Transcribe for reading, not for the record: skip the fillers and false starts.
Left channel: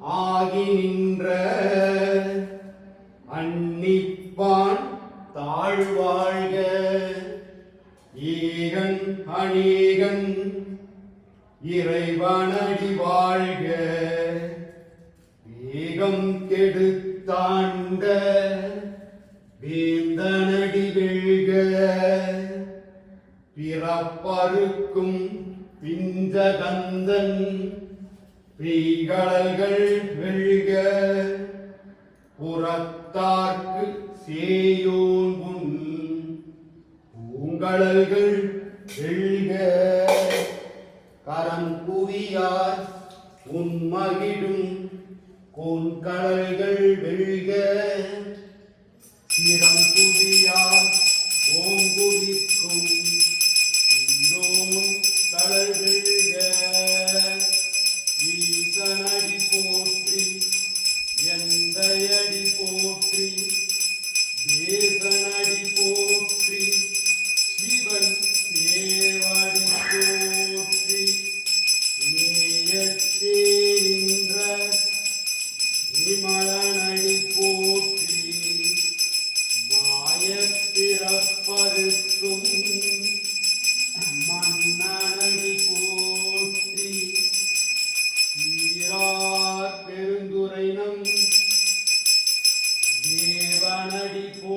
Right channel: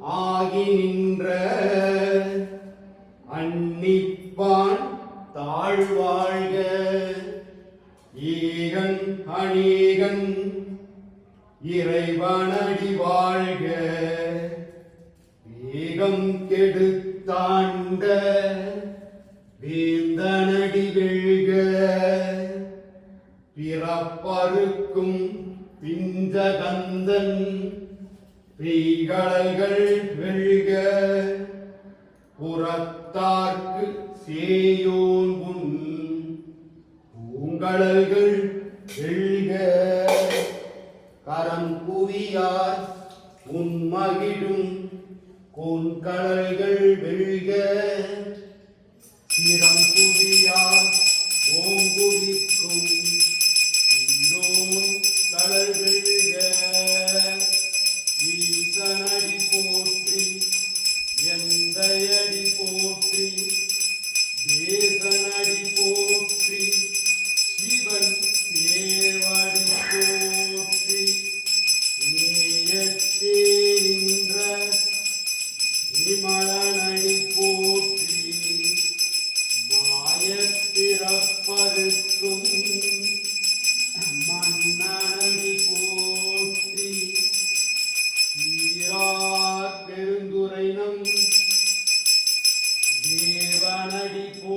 ஆகி நின்ற அன்னிப்பான் தாழ்வாழ்க ஈகன் அநீகன் இறைவனடி வாழ்க வேகம் கெடுத்தாண்ட வேந்தனடி வெல்க பிறப்பருக்கும் பிஞ்சகந்தன் பெய்கடல்கள் வெல்க புறத்தார்க்கு சேயோன் உன் பூங்கடல்கள் வெல்க கரம் குவியார் உன்மகிழும் கோன்கடல்கள் வெல்க சிரம் குவியார் ஓங்குவிக்கும் சீரோன் கடல் வெல்க ஈசனடி போற்றி எந்தையடி போற்றி தேசனடி போற்றி சிவன் தேவடி போற்றி நேயத்தே நின்ற விமலனடி போற்றி மாயப்பிறப்பருக்கும் மன்னனடி போற்றி பெருந்துரைனம் தேவனடி போ